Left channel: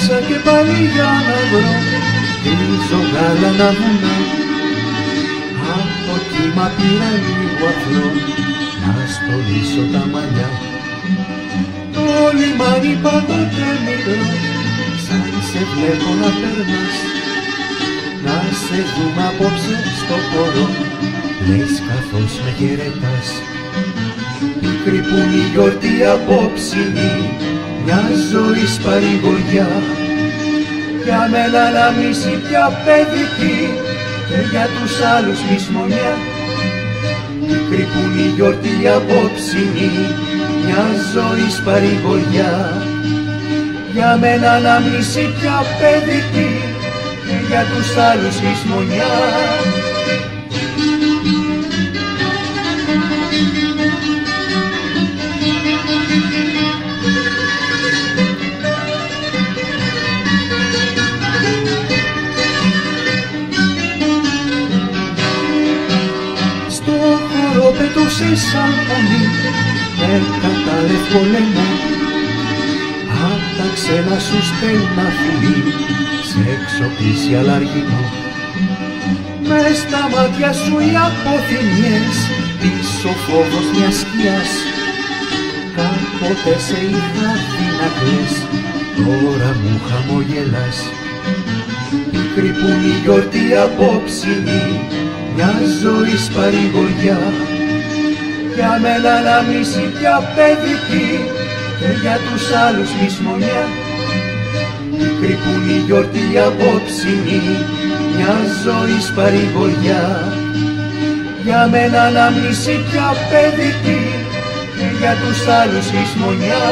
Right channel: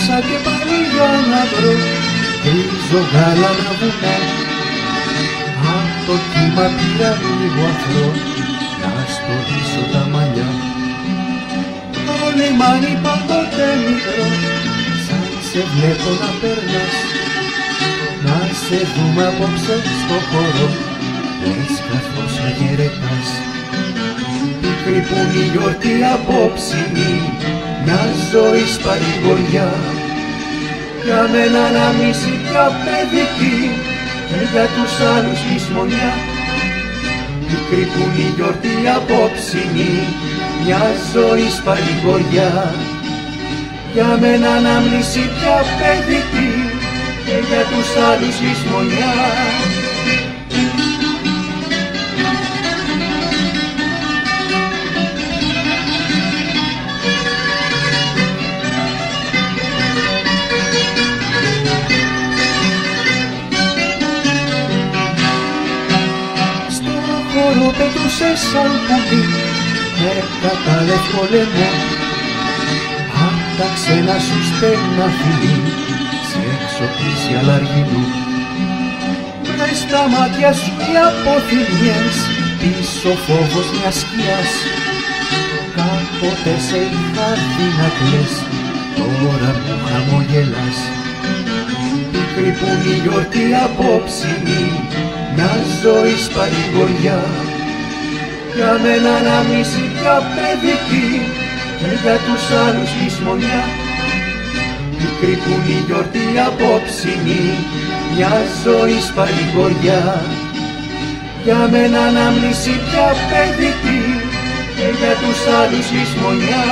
Έψαξα και πάλι για να βρω γκρίζο γάλανα βουνά. Απ' το κύμα πήρα λίγο αφρό να στολίσω τα μαλλιά. Το λιμάνι πάντοτε μικρό, σαν σε βλέπω να περνάς. Να σε δούμε απόψε στο χώρο, λες καθώς με χαιρετάς. Πίκρη που είναι η γιορτή απόψινή, μια ζωής παρηγοριά. Για μένα να μίση πια παιδική και για τους άλλους λησμονιά. Πίκρη που είναι η γιορτή απόψινή, μια ζωής παρηγοριά. Για μένα ανάμνηση πια παιδική και για τους άλλους λησμονιά. Στο χώρο πετούσε σαν πουλί με κατάλευκο λαιμό. Απ' τα ξένα σου στέλνα φιλί σε εξοπλίσει αλαργινό. Μες στα μάτια σου οι αποθυμιές, πίσω φόβος μιας σκιάς. Κάποτε σε είχα δει να κλαις, τώρα μου χαμογελάς. Πίκρη που είναι η γιορτή απόψινή, μια ζωής παρηγοριά. Για μένα ανάμνηση πια παιδική και για τους άλλους λησμονιά. Πίκρη που είναι η γιορτή απόψινή, μια ζωής παρηγοριά. Για μένα ανάμνηση πια παιδική και για τους άλλους λησμονιά.